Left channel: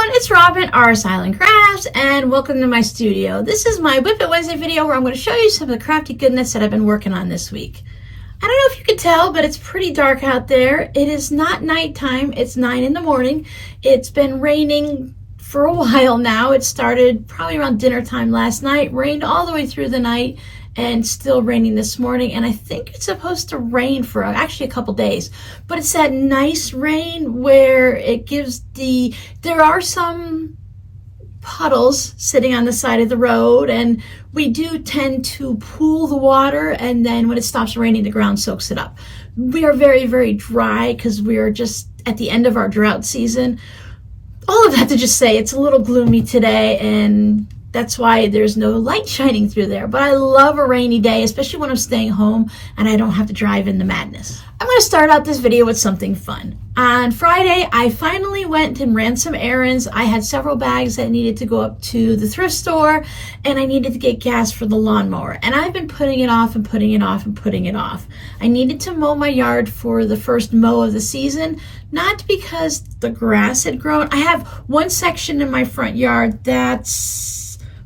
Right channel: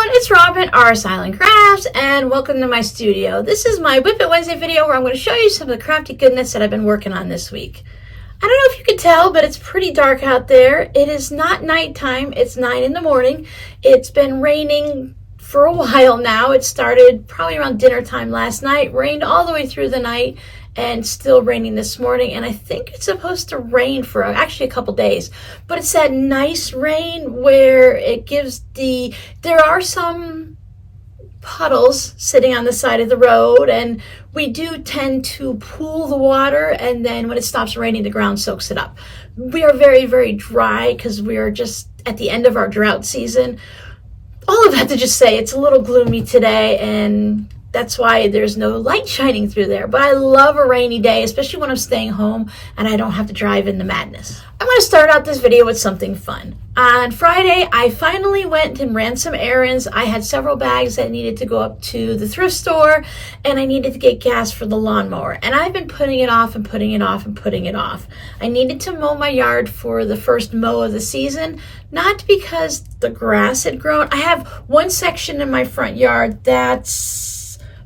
everyone, it's Robin, R Silent Crafts, and welcome to my studio. This is my Whip It Wednesday video where I'm going to show you some of the crafty goodness that I've been working on this week. I don't know if you can tell, but it's pretty dark out there. It is not nighttime, it's 9 in the morning. It's been raining for a while now. It started probably around dinner time last night, rained all the way through the night, and still raining this morning. And I think it's supposed to rain for actually a couple days, but it's that nice rain where it gives there are some puddles sitting on the side of the road, and we do tend to pool the water, and then when it stops raining, the ground soaks it up. We are very, very dry because we are just at the end of our drought season. All of that to just say it's a little gloomy today, and that's why there's no light shining through there. But I love a rainy day, especially when I'm staying home and I don't have to drive in the madness. I'm going to start out this video with something fun. On Friday, I finally went and ran some errands. I had several bags that needed to go up to the thrift store, and I needed to get gas for the lawnmower. And I've been putting it off and putting it off and putting it off. I needed to mow my yard for the first mow of the season, not because the grass had grown. I have one section in my front yard that's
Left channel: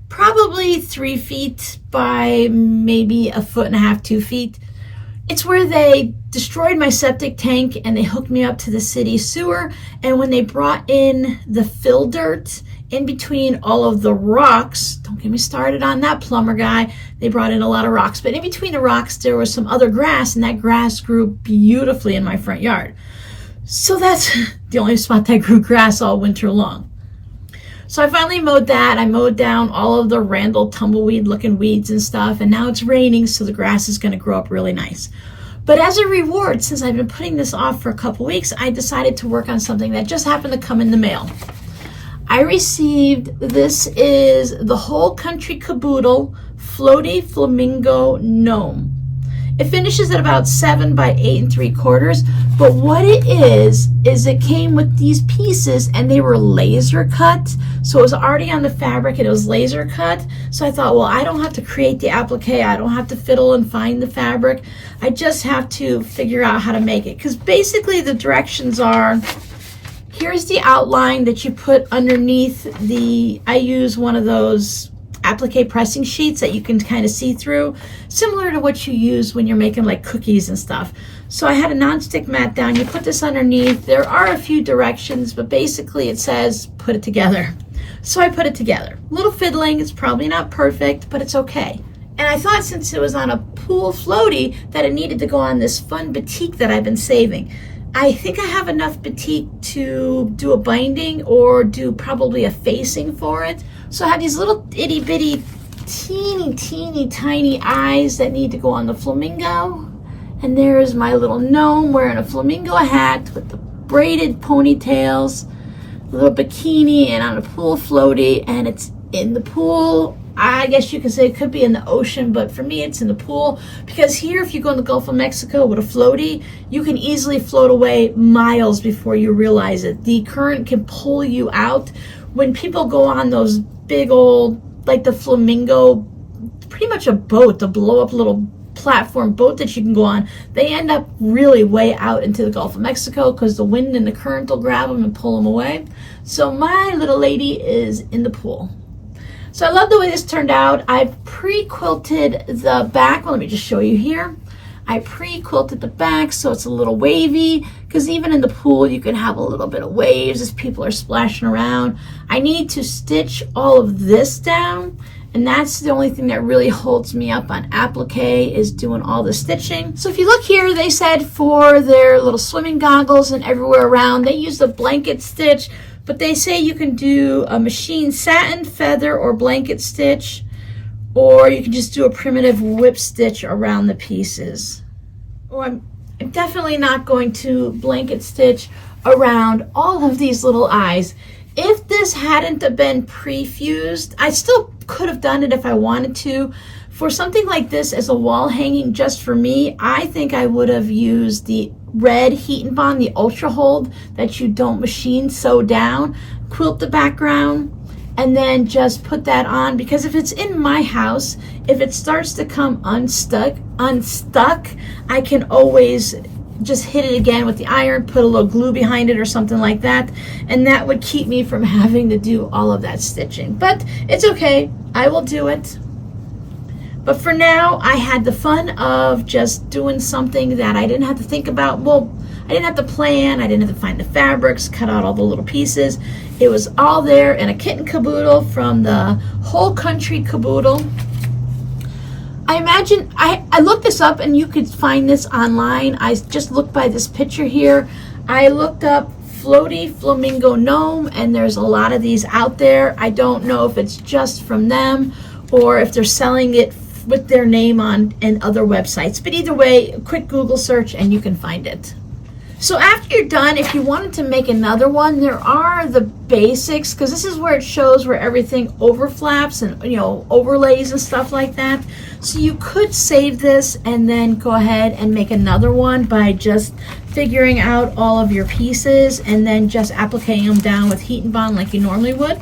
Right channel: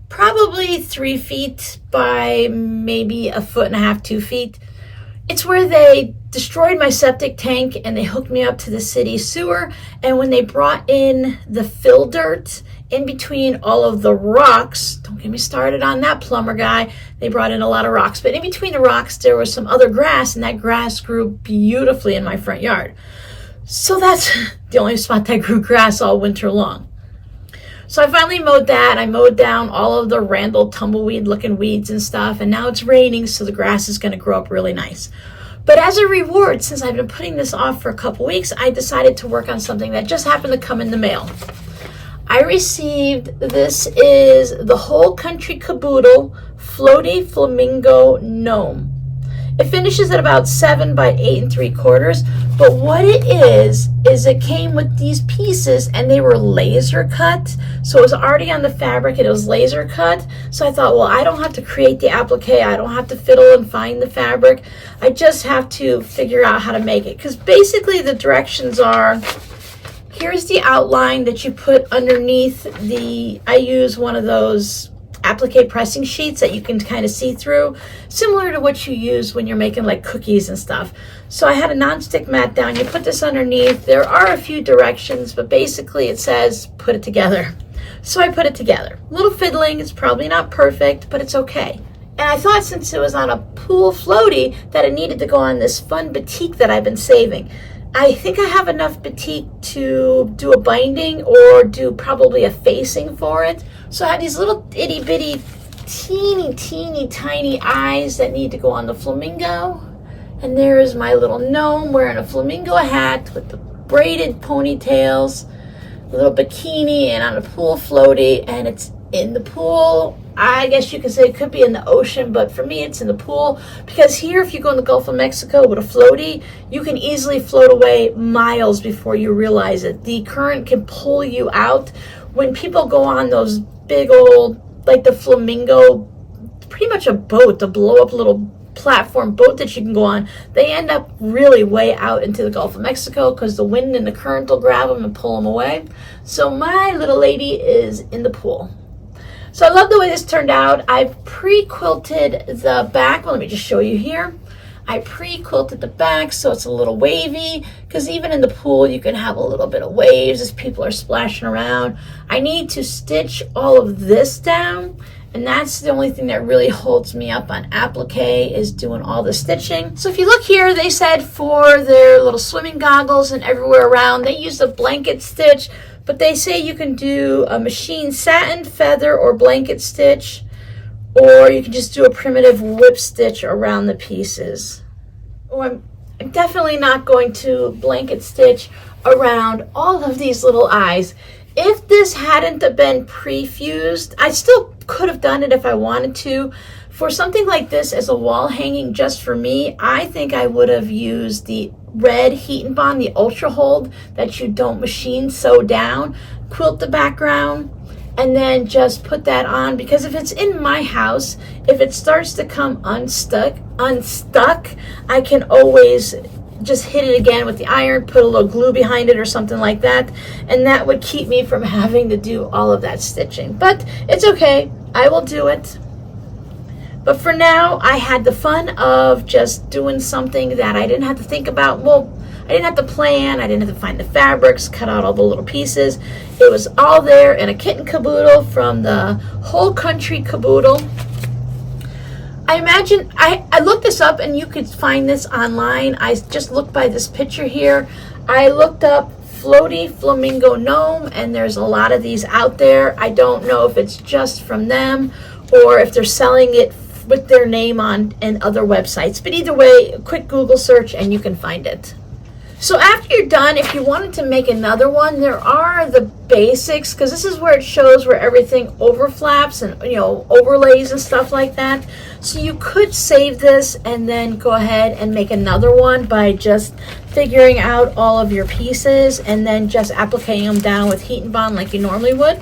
probably 3 feet by maybe 1.5 feet, 2 feet. It's where they destroyed my septic tank and they hooked me up to the city sewer. And when they brought in the fill dirt in between all of the rocks, don't get me started on that plumber guy, they brought in a lot of rocks, but in between the rocks there was some other grass, and that grass grew beautifully in my front yard. So that's the only spot that grew grass all winter long. So I finally mowed that. I mowed down all of the Randall tumbleweed looking weeds and stuff, and now it's raining, so the grass is going to grow up really nice. But as a reward, since I've been putting this off for a couple weeks, I decided to work on something that just happened to come in the mail. I received, this is the Whole Country Caboodle Floaty Flamingo Gnome. It finishes at about 7 by 8 3/4, but what it is it came with these pieces and they were laser cut. So it was already on the fabric and it was laser cut. So I thought, well, I don't have to create the applique. I don't have to fiddle and find the fabric. I just have to figure out how to make it. Because basically the directions are, here's the outline that you put underneath I use one of those applique pressing sheets that you can kind of see through, similar to what you use when you're making like cookies and stuff. So I had a non-stick mat down. You put this underneath. There are a few directions, but basically it says put it together. So I put it together. A little fiddling. It's probably not perfect, but it's okay. And I thought, since it was on a pool floaty, that it needed to go on this fun batik that I've been saving. I think I have enough batik to do a binding or do probably a facing for it. So I have these little itty bitty teeny tiny eyes that need to go on the flamingo. And there is my little gnome wearing a flamingo hat with the braided ponytails, a little bikini, and on a pool floaty, and it's in the pool. I guess you could say it could be in the ocean, but for me it's in the pool, because here, if you go in the Gulf of Mexico with a floaty, you can easily float away miles before you realize it. The current can pull you out. When people go on those big old, like the flamingo, pretty much a boat, the blow up little platform boat that you can go on, they end up really way out into the Gulf of Mexico because the wind and the current will grab them and pull them away. So my little lady is in the pool. So I love the way this turned out. I've pre-quilted the back. Well, let me just show you here. I pre-quilted the back so it's a little wavy, because even in the pool you can have a little bit of waves as people are splashing around. I need to stitch all of this down, and that's the only thing that really holds me up on applique, is doing all the stitching. So if you look here, they said for their little swimming goggles and everywhere around, they use a blanket stitch. But they say you can do a machine satin, feather, or blanket stitch, or you can just do a primitive whip stitch around the pieces. Oh, I'm definitely not going to blanket stitch around all of these little eyes. If this hadn't been pre-fused, I still could have done it if I wanted to. For something like this as a wall hanging just for me, I think I would have used the red Heat and Bond, the Ultra Hold that you don't machine sew down, quilt the background, and then just put that on. Because if it's in my house, if it starts to come unstuck, I can always just hit it again with the iron, put a little glue behind it or something like that, and that would keep me from having to do all of that stitching. But it's okay, I will do it. But for now, I had the fun of just doing something that I didn't have to think about. Well, I didn't have to plan, I didn't have to find the fabrics, cut out all the little pieces. It was all there in a kit and caboodle from the Whole Country Caboodle. I imagine, I looked this up and you could find this online. I just looked by this picture here. I looked up Floaty Flamingo Gnome, and there's a lot of these out there. I don't know if it's just from them or if they're selling it with their name on and other websites. But either way, a quick Google search and you can find it. So after you're done, if you wanted to make another one, there are the basics, because this is where it shows where everything overflaps and, you know, overlays and stuff like that. So you could save this and then go ahead and make another one by just figuring out all of your pieces and then just applicating them down with heat and bond like you normally would.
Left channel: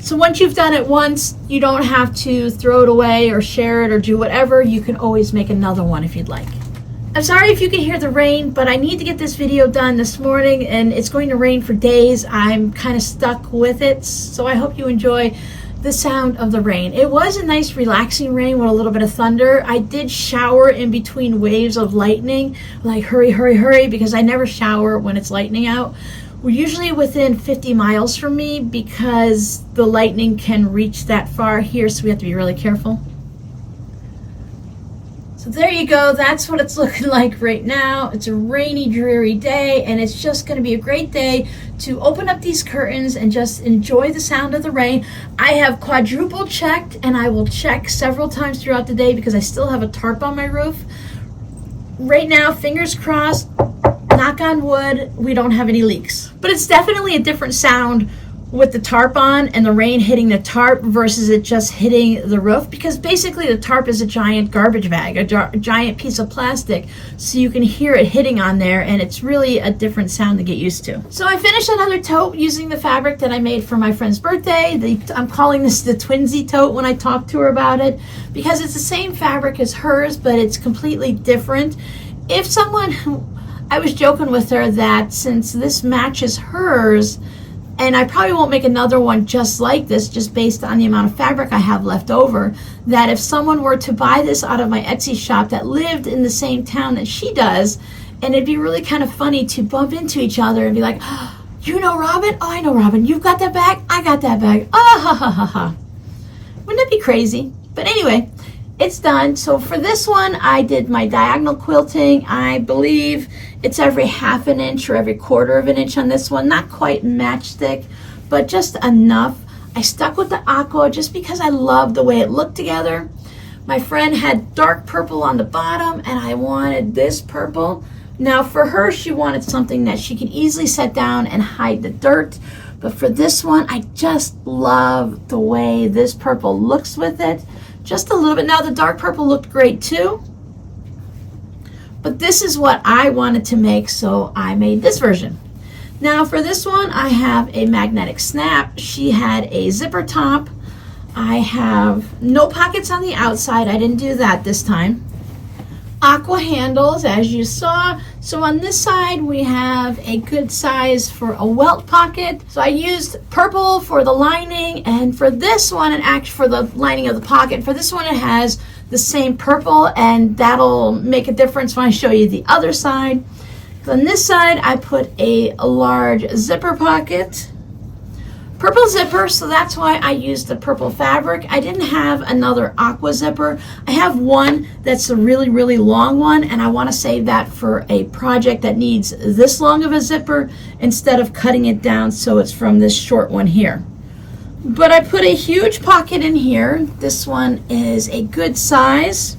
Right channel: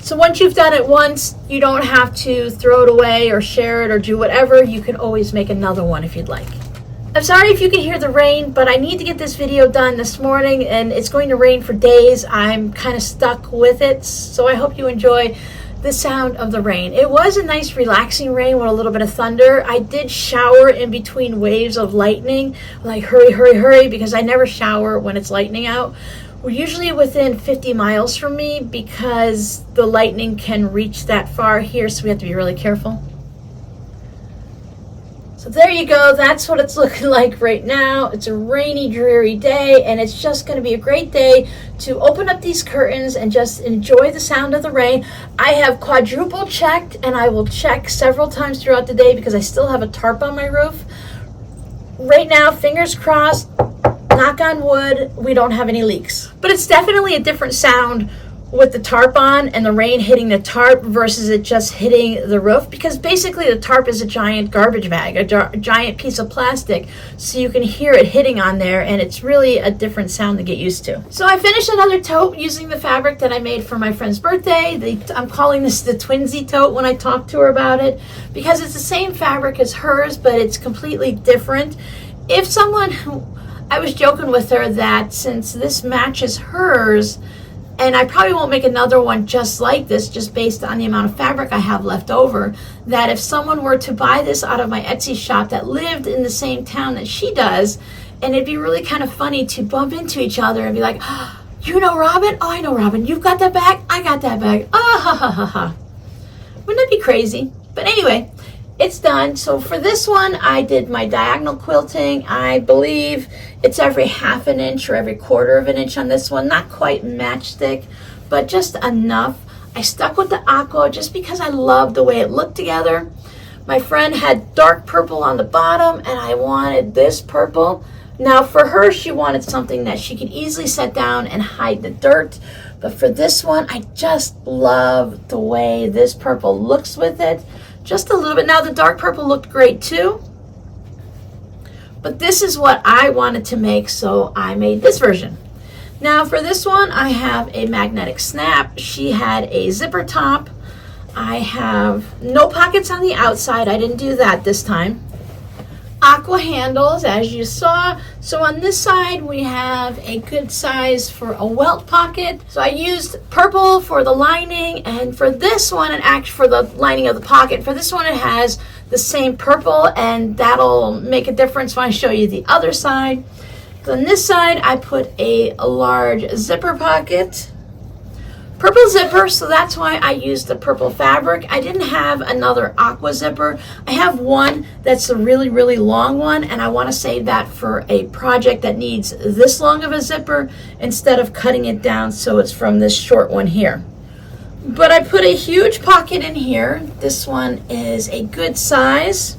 So once you've done it once, you don't have to throw it away or share it or do whatever. You can always make another one if you'd like. I'm sorry if you can hear the rain, but I need to get this video done this morning, and it's going to rain for days. I'm kind of stuck with it, so I hope you enjoy the sound of the rain. It was a nice relaxing rain with a little bit of thunder. I did shower in between waves of lightning, like hurry, hurry, hurry, because I never shower when it's lightning out. We're usually within 50 miles from me because the lightning can reach that far here, so we have to be really careful. So there you go, that's what it's looking like right now. It's a rainy, dreary day, and it's just gonna be a great day to open up these curtains and just enjoy the sound of the rain. I have quadruple checked, and I will check several times throughout the day because I still have a tarp on my roof. Right now, fingers crossed, knock on wood, we don't have any leaks. But it's definitely a different sound with the tarp on and the rain hitting the tarp versus it just hitting the roof, because basically the tarp is a giant garbage bag, a giant piece of plastic, so you can hear it hitting on there, and it's really a different sound to get used to. So I finished another tote using the fabric that I made for my friend's birthday. I'm calling this the Twinsy tote when I talked to her about it, because it's the same fabric as hers, but it's completely different. If someone, I was joking with her that since this matches hers, and I probably won't make another one just like this, just based on the amount of fabric I have left over, that if someone were to buy this out of my Etsy shop that lived in the same town that she does, and it'd be really kind of funny to bump into each other and be like, oh, you know Robin? Oh, I know Robin. You've got that bag? I got that bag. Ah, ha, ha, ha, ha. Wouldn't that be crazy? But anyway, it's done. So for this one, I did my diagonal quilting. I believe it's every ½ an inch or every ½ of an inch on this one. Not quite matchstick, but just enough. I stuck with the aqua just because I love the way it looked together. My friend had dark purple on the bottom, and I wanted this purple. Now for her, she wanted something that she can easily set down and hide the dirt. But for this one, I just love the way this purple looks with it. Just a little bit. Now the dark purple looked great too, but this is what I wanted to make, so I made this version. Now for this one, I have a magnetic snap. She had a zipper top. I have no pockets on the outside. I didn't do that this time. Aqua handles, as you saw. So on this side, we have a good size for a welt pocket. So I used purple for the lining, and for this one, and actually for the lining of the pocket, for this one it has the same purple, and that'll make a difference when I show you the other side. So on this side, I put a large zipper pocket. Purple zipper, so that's why I used the purple fabric. I didn't have another aqua zipper. I have one that's a really, really long one, and I want to save that for a project that needs this long of a zipper instead of cutting it down so it's from this short one here. But I put a huge pocket in here. This one is a good size.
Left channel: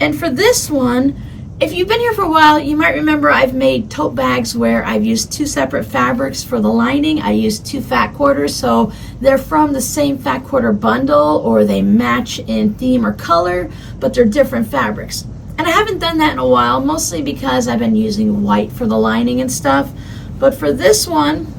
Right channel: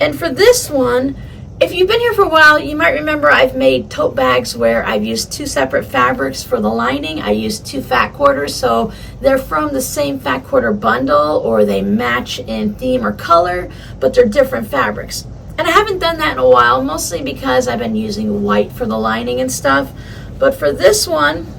And for this one, if you've been here for a while, you might remember I've made tote bags where I've used two separate fabrics for the lining. I used two fat quarters, so they're from the same fat quarter bundle, or they match in theme or color, but they're different fabrics. And I haven't done that in a while, mostly because I've been using white for the lining and stuff. But for this one,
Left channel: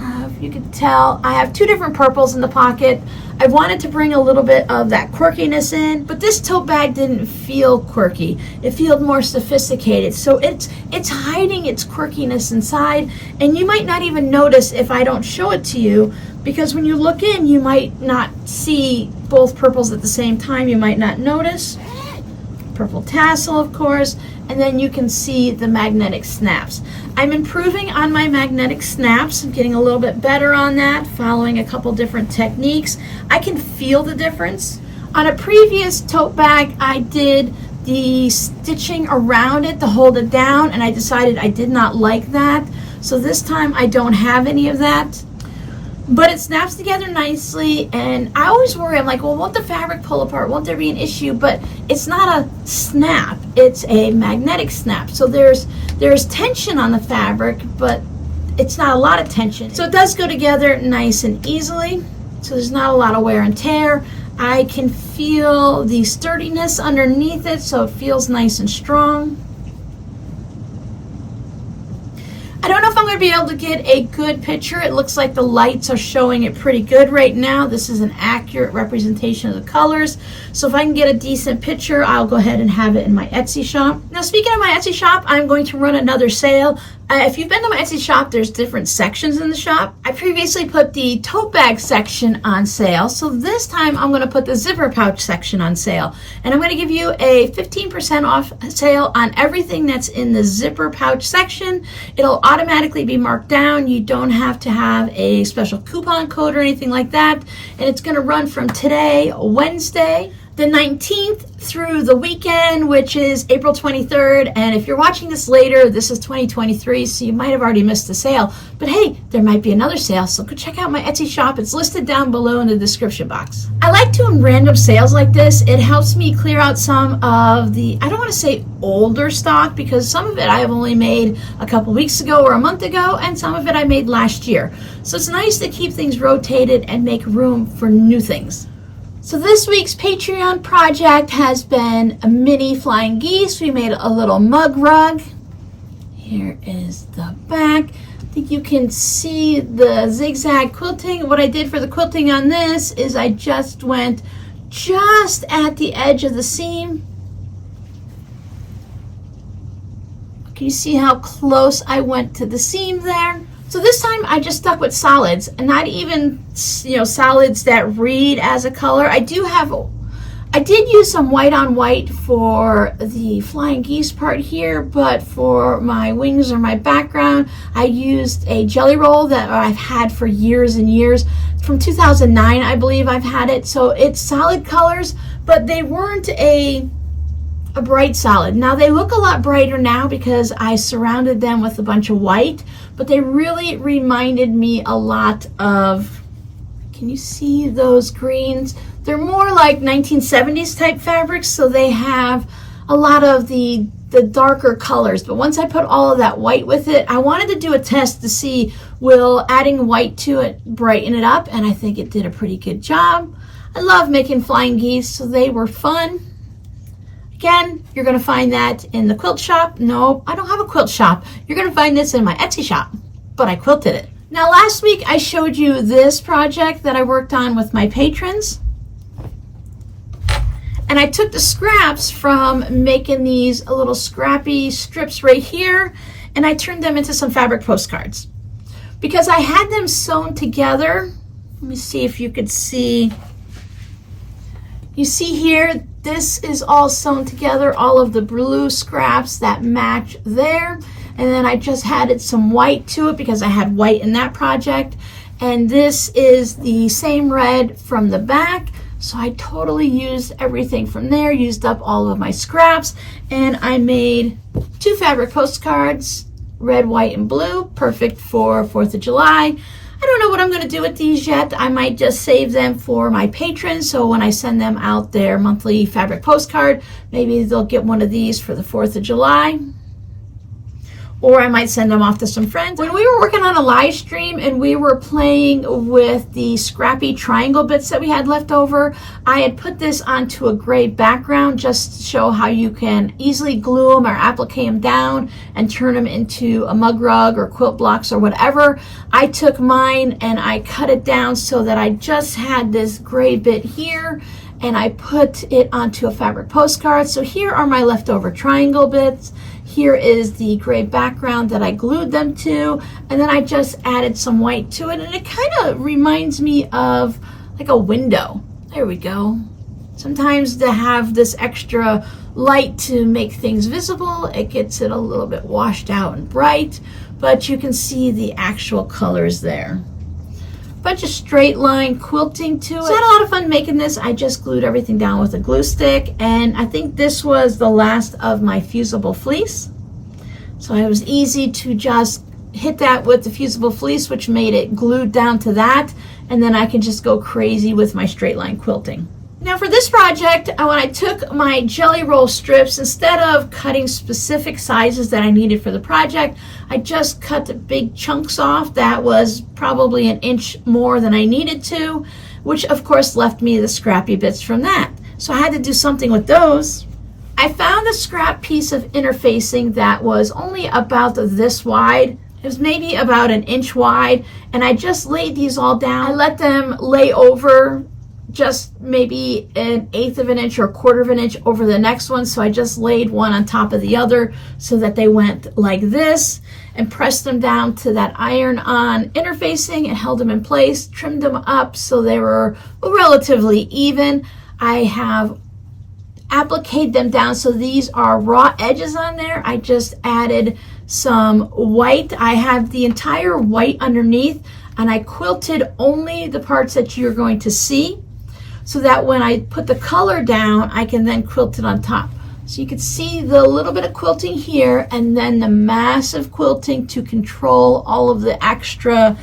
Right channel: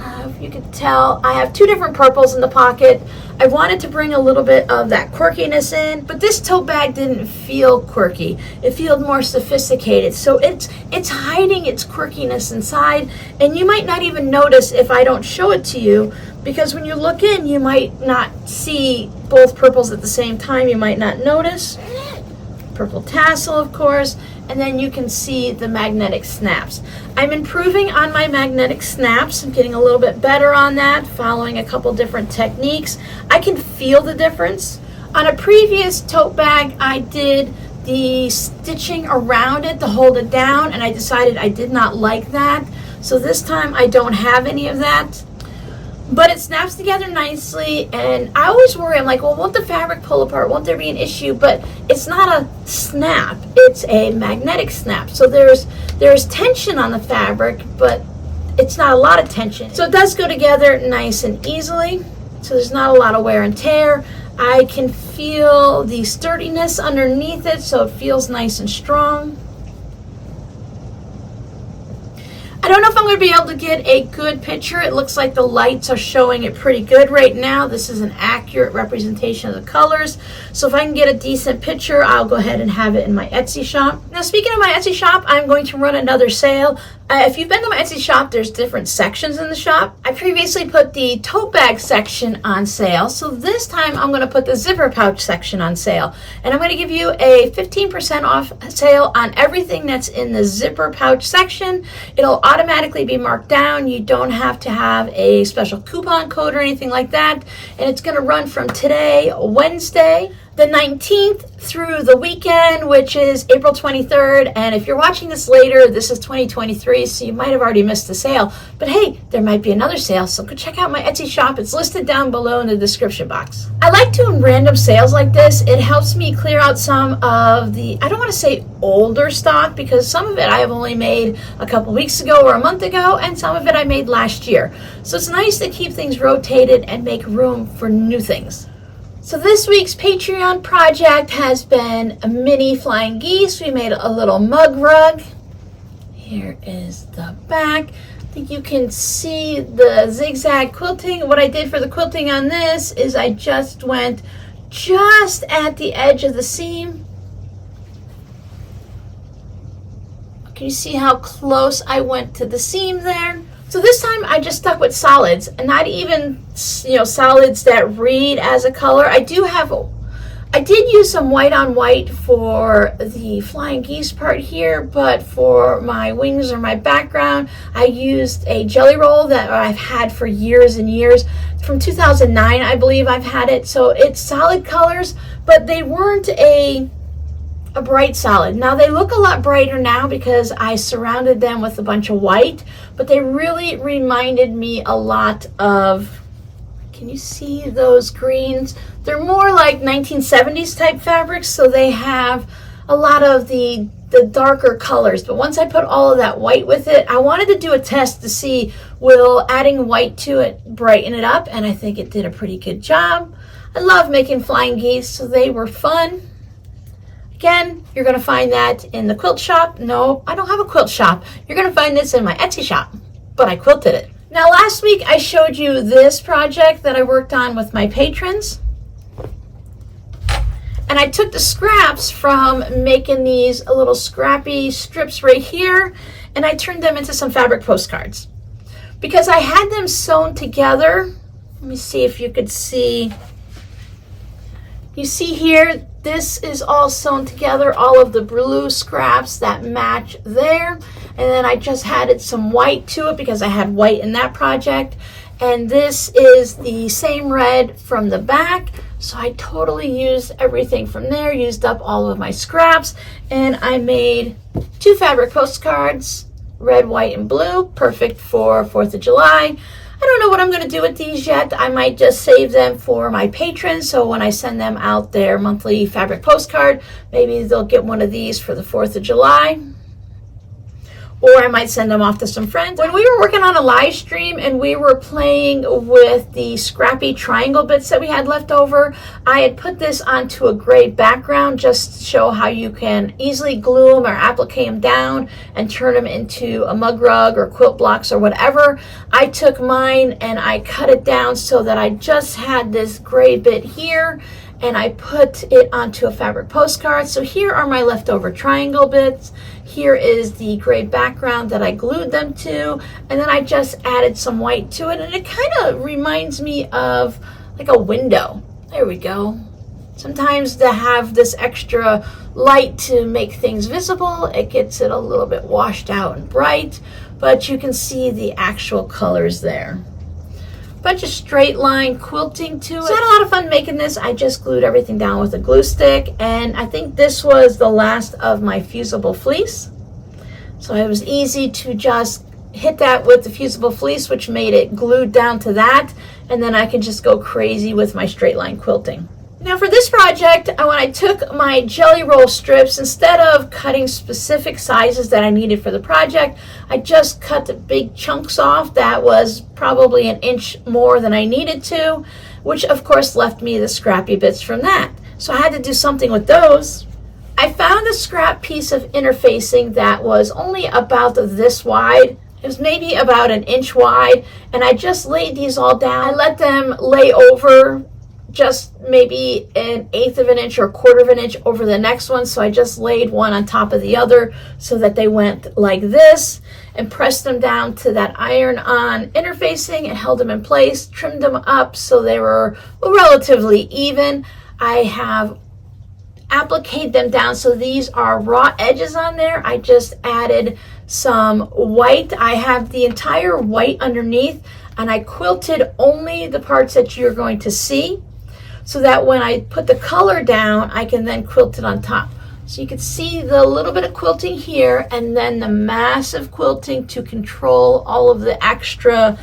I have if you could tell, I have two different purples in the pocket. I wanted to bring a little bit of that quirkiness in, but this tote bag didn't feel quirky. It felt more sophisticated. So it's hiding its quirkiness inside, and you might not even notice if I don't show it to you, because when you look in, you might not see both purples at the same time. You might not notice. Purple tassel, of course, and then you can see the magnetic snaps. I'm improving on my magnetic snaps. I'm getting a little bit better on that, following a couple different techniques. I can feel the difference. On a previous tote bag, I did the stitching around it to hold it down, and I decided I did not like that. So this time I don't have any of that. But it snaps together nicely, and I always worry, I'm like, well, won't the fabric pull apart? Won't there be an issue? But it's not a snap, it's a magnetic snap. So there's tension on the fabric, but it's not a lot of tension. So it does go together nice and easily. So there's not a lot of wear and tear. I can feel the sturdiness underneath it, so it feels nice and strong. I don't know if I'm going to be able to get a good picture. It looks like the lights are showing it pretty good right now. This is an accurate representation of the colors. So if I can get a decent picture, I'll go ahead and have it in my Etsy shop. Now, speaking of my Etsy shop, I'm going to run another sale. If you've been to my Etsy shop, there's different sections in the shop. I previously put the tote bag section on sale. So this time I'm going to put the zipper pouch section on sale. And I'm going to give you a 15% off sale on everything that's in the zipper pouch section. It'll automatically be marked down. You don't have to have a special coupon code or anything like that. And it's going to run from today, Wednesday, the 19th, through the weekend, which is April 23rd. And if you're watching this later, this is 2023, so you might have already missed the sale. But hey, there might be another sale, so go check out my Etsy shop. It's listed down below in the description box. I like doing random sales like this. It helps me clear out some of the, I don't want to say older stock, because some of it I have only made a couple weeks ago or a month ago, and some of it I made last year. So it's nice to keep things rotated and make room for new things. So this week's Patreon project has been a mini flying geese. We made a little mug rug. Here is the back. I think you can see the zigzag quilting. What I did for the quilting on this is I just went just at the edge of the seam. Can you see how close I went to the seam there? So this time I just stuck with solids, and not even, solids that read as a color. I did use some white on white for the flying geese part here, but for my wings or my background, I used a jelly roll that I've had for years and years. From 2009, I believe I've had it. So it's solid colors, but they weren't a bright solid. Now they look a lot brighter now because I surrounded them with a bunch of white, but they really reminded me a lot of, can you see those greens? They're more like 1970s type fabrics, so they have a lot of the darker colors. But once I put all of that white with it, I wanted to do a test to see will adding white to it brighten it up, and I think it did a pretty good job. I love making flying geese, so they were fun. Again, you're going to find that in the quilt shop. No, I don't have a quilt shop. You're going to find this in my Etsy shop, but I quilted it. Now, last week I showed you this project that I worked on with my patrons. And I took the scraps from making these little scrappy strips right here, and I turned them into some fabric postcards. Because I had them sewn together. Let me see if you could see. You see here, this is all sewn together, all of the blue scraps that match there. And then I just added some white to it because I had white in that project. And this is the same red from the back. So I totally used everything from there, used up all of my scraps. And I made 2 fabric postcards, red, white, and blue, perfect for 4th of July. I don't know what I'm going to do with these yet. I might just save them for my patrons, so when I send them out their monthly fabric postcard, maybe they'll get one of these for the 4th of July. or I might send them off to some friends. When we were working on a live stream and we were playing with the scrappy triangle bits that we had left over, I had put this onto a gray background just to show how you can easily glue them or applique them down and turn them into a mug rug or quilt blocks or whatever. I took mine and I cut it down so that I just had this gray bit here, and I put it onto a fabric postcard. So here are my leftover triangle bits. Here is the gray background that I glued them to, and then I just added some white to it, and it kind of reminds me of like a window. There we go. Sometimes to have this extra light to make things visible, it gets it a little bit washed out and bright, but you can see the actual colors there. Bunch of straight line quilting to it. So I had a lot of fun making this. I just glued everything down with a glue stick, and I think this was the last of my fusible fleece. So it was easy to just hit that with the fusible fleece, which made it glued down to that, and then I can just go crazy with my straight line quilting. Now for this project, when I took my jelly roll strips, instead of cutting specific sizes that I needed for the project, I just cut the big chunks off. That was probably an inch more than I needed to, which of course left me the scrappy bits from that. So I had to do something with those. I found a scrap piece of interfacing that was only about this wide. It was maybe about an inch wide, and I just laid these all down. I let them lay over just maybe an eighth of an inch or a quarter of an inch over the next one. So I just laid one on top of the other so that they went like this, and pressed them down to that iron-on interfacing and held them in place, trimmed them up so they were relatively even. I have appliqued them down, so these are raw edges on there. I just added some white. I have the entire white underneath, and I quilted only the parts that you're going to see, so that when I put the color down, I can then quilt it on top. So you can see the little bit of quilting here, and then the massive quilting to control all of the extra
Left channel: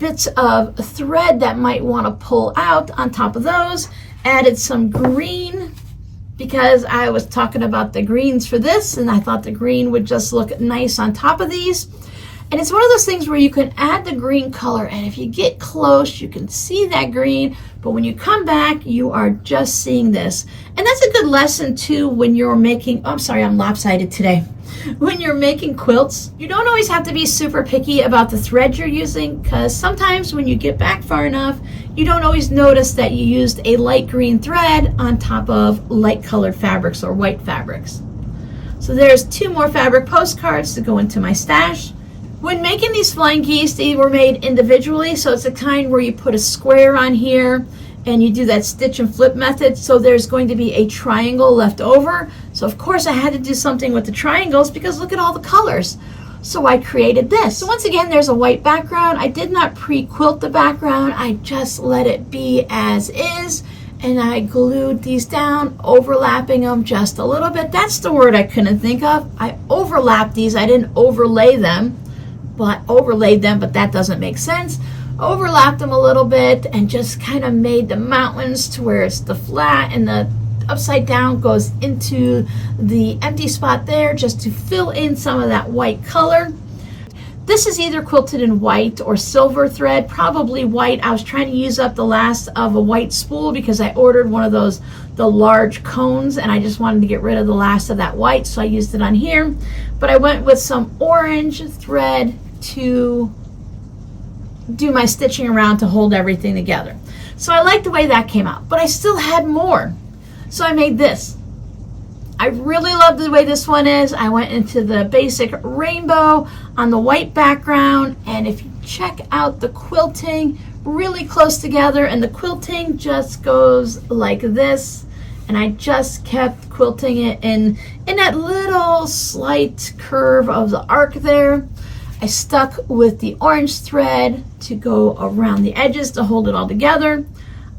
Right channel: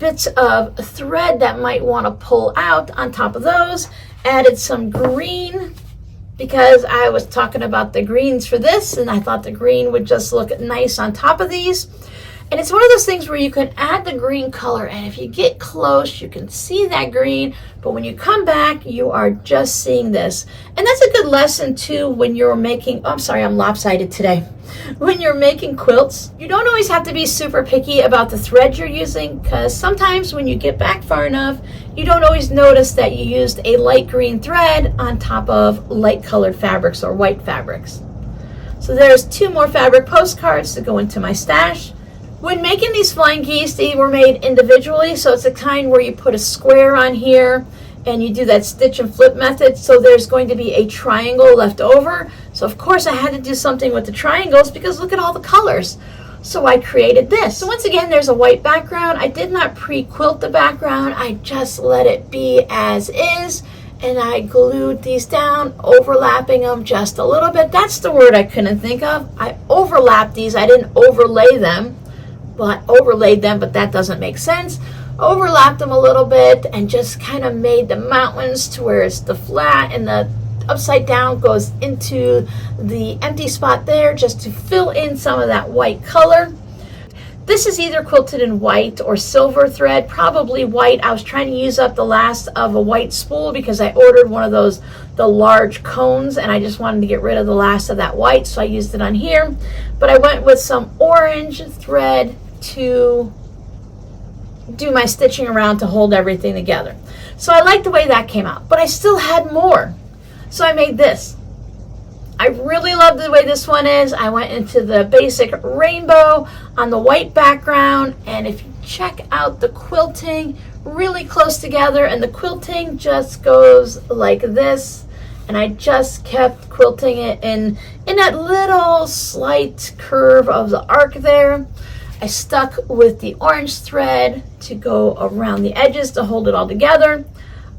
bits of thread that might want to pull out on top of those. Added some green, because I was talking about the greens for this, and I thought the green would just look nice on top of these. And it's one of those things where you can add the green color, and if you get close, you can see that green, but when you come back, you are just seeing this. And that's a good lesson too when you're making, oh, I'm sorry, I'm lopsided today. When you're making quilts, you don't always have to be super picky about the thread you're using, because sometimes when you get back far enough, you don't always notice that you used a light green thread on top of light colored fabrics or white fabrics. So there's 2 more fabric postcards to go into my stash. When making these flying geese, they were made individually, so it's a kind where you put a square on here and you do that stitch and flip method, so there's going to be a triangle left over. So of course I had to do something with the triangles, because look at all the colors. So I created this. So once again, there's a white background. I did not pre-quilt the background, I just let it be as is, and I glued these down, overlapping them just a little bit. That's the word I couldn't think of. I overlapped these, I didn't overlay them. Well, I overlaid them, but that doesn't make sense. Overlapped them a little bit and just kind of made the mountains to where it's the flat, and the upside down goes into the empty spot there just to fill in some of that white color. This is either quilted in white or silver thread, probably white. I was trying to use up the last of a white spool because I ordered one of those, the large cones, and I just wanted to get rid of the last of that white, so I used it on here. But I went with some orange thread to do my stitching around to hold everything together. So I like the way that came out, but I still had more. So I made this. I really love the way this one is. I went into the basic rainbow on the white background, and if you check out the quilting, really close together, and the quilting just goes like this, and I just kept quilting it in that little slight curve of the arc there. I stuck with the orange thread to go around the edges to hold it all together.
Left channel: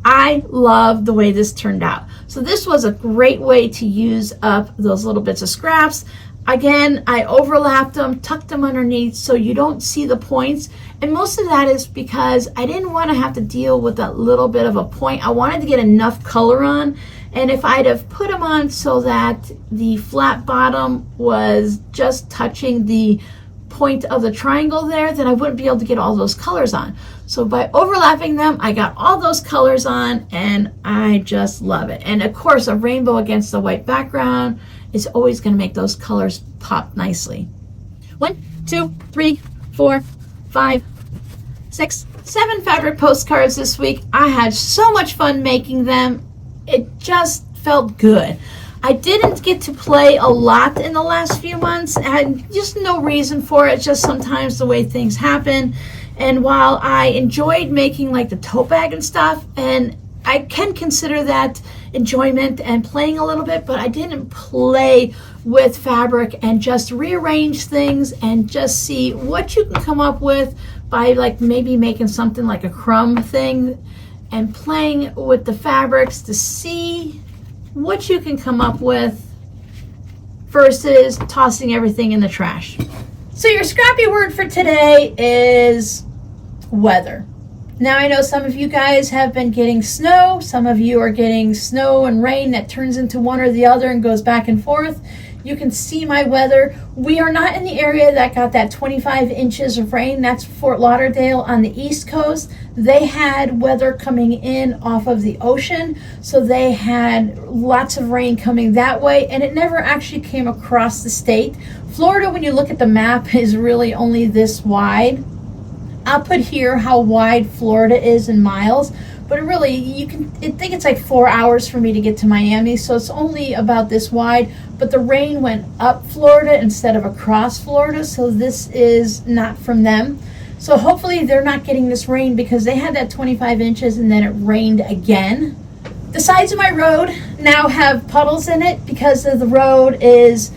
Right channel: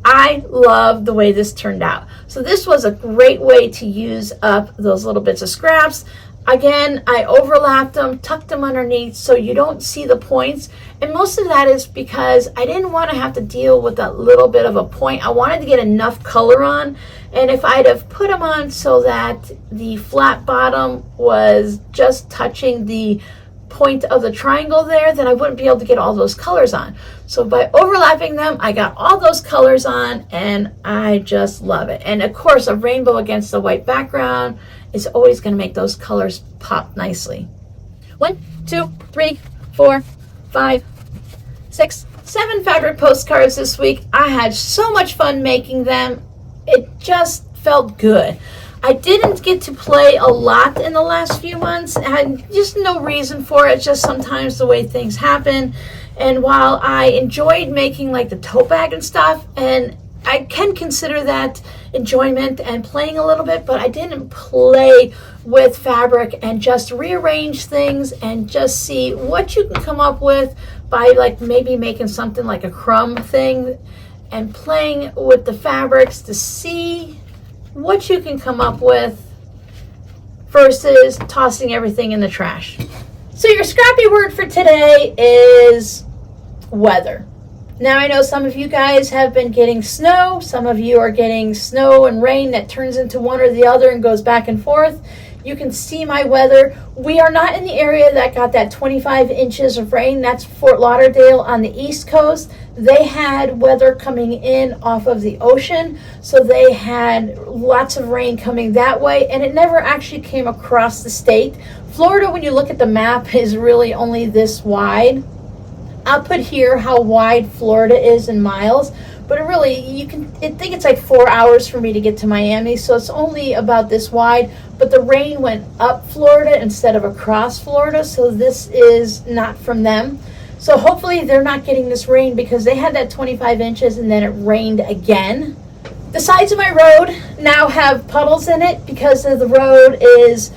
I love the way this turned out. So this was a great way to use up those little bits of scraps. Again, I overlapped them, tucked them underneath so you don't see the points. And most of that is because I didn't want to have to deal with that little bit of a point. I wanted to get enough color on. And if I'd have put them on so that the flat bottom was just touching the point of the triangle there, then I wouldn't be able to get all those colors on. So by overlapping them, I got all those colors on, and I just love it. And of course, a rainbow against the white background is always going to make those colors pop nicely. 1, 2, 3, 4, 5, 6, 7 fabric postcards this week. I had so much fun making them. It just felt good. I didn't get to play a lot in the last few months. I had just no reason for it, just sometimes the way things happen. And while I enjoyed making like the tote bag and stuff, and I can consider that enjoyment and playing a little bit, but I didn't play with fabric and just rearrange things and just see what you can come up with by like maybe making something like a crumb thing and playing with the fabrics to see what you can come up with versus tossing everything in the trash. So your scrappy word for today is weather. Now I know some of you guys have been getting snow. Some of you are getting snow and rain that turns into one or the other and goes back and forth. You can see my weather. We are not in the area that got that 25 inches of rain. That's Fort Lauderdale on the East Coast. They had weather coming in off of the ocean, so they had lots of rain coming that way, and it never actually came across the state. Florida, when you look at the map, is really only this wide. I'll put here how wide Florida is in miles, but really, I think it's like 4 hours for me to get to Miami, so it's only about this wide, but the rain went up Florida instead of across Florida, so this is not from them. So hopefully they're not getting this rain because they had that 25 inches and then it rained again. The sides of my road now have puddles in it because of the road is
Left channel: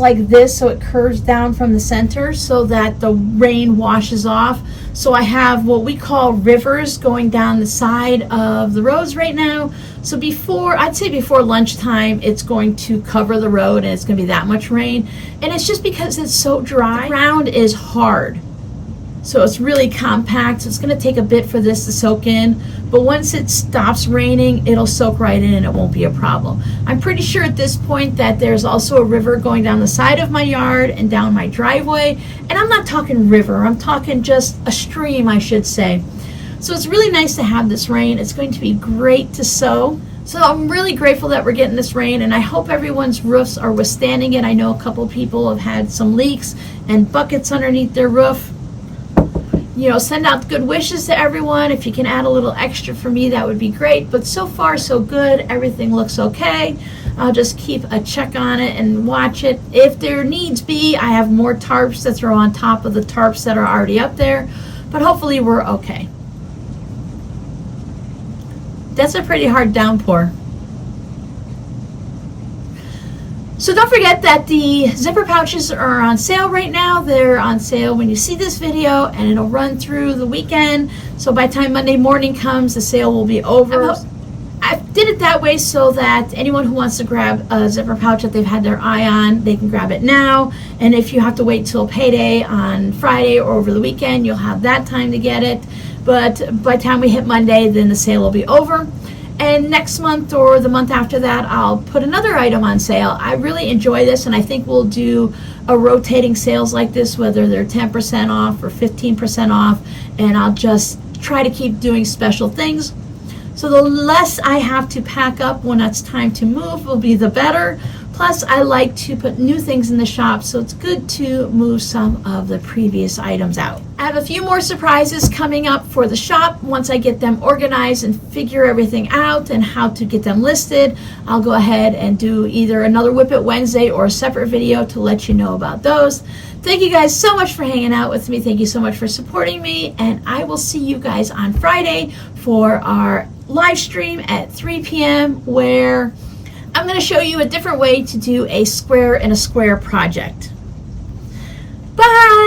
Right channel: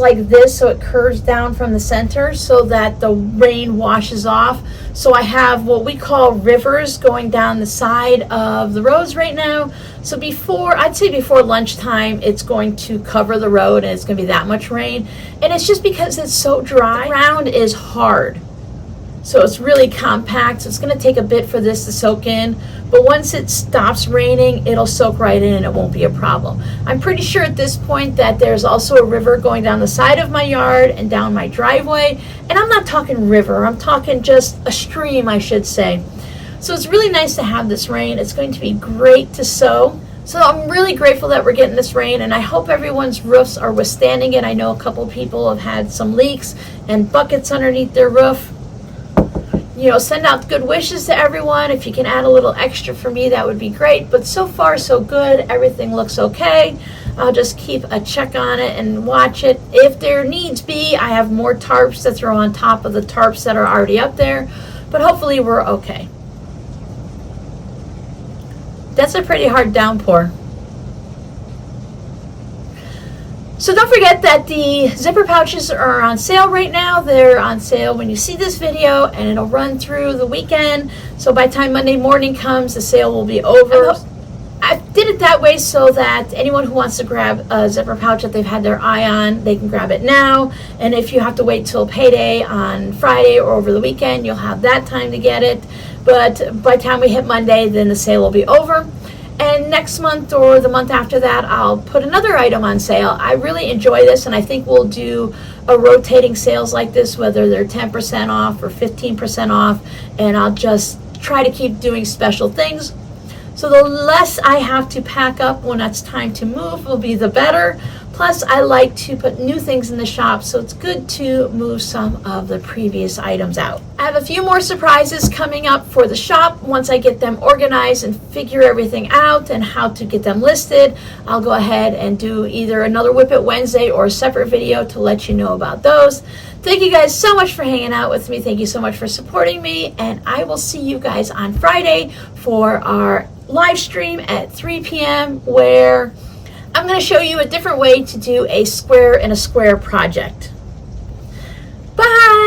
like this, so it curves down from the center so that the rain washes off. So I have what we call rivers going down the side of the roads right now. So I'd say before lunchtime, it's going to cover the road and it's going to be that much rain. And it's just because it's so dry. The ground is hard. So it's really compact. So it's going to take a bit for this to soak in. But once it stops raining, it'll soak right in and it won't be a problem. I'm pretty sure at this point that there's also a river going down the side of my yard and down my driveway. And I'm not talking river. I'm talking just a stream, I should say. So it's really nice to have this rain. It's going to be great to sow. So I'm really grateful that we're getting this rain, and I hope everyone's roofs are withstanding it. I know a couple people have had some leaks and buckets underneath their roof. You know, send out good wishes to everyone. If you can add a little extra for me, that would be great. But so far, so good. Everything looks okay. I'll just keep a check on it and watch it. If there needs be, I have more tarps to throw on top of the tarps that are already up there. But hopefully we're okay. That's a pretty hard downpour. So don't forget that the zipper pouches are on sale right now. They're on sale when you see this video, and it'll run through the weekend. So by the time Monday morning comes, the sale will be over. I did it that way so that anyone who wants to grab a zipper pouch that they've had their eye on, they can grab it now. And if you have to wait till payday on Friday or over the weekend, you'll have that time to get it. But by the time we hit Monday, then the sale will be over. And next month or the month after that, I'll put another item on sale. I really enjoy this, and I think we'll do a rotating sales like this, whether they're 10% off or 15% off, and I'll just try to keep doing special things. So the less I have to pack up when it's time to move will be the better. Plus, I like to put new things in the shop, so it's good to move some of the previous items out. I have a few more surprises coming up for the shop. Once I get them organized and figure everything out and how to get them listed, I'll go ahead and do either another Whip It Wednesday or a separate video to let you know about those. Thank you guys so much for hanging out with me. Thank you so much for supporting me, and I will see you guys on Friday for our live stream at 3 p.m. where I'm going to show you a different way to do a square in a square project. Bye!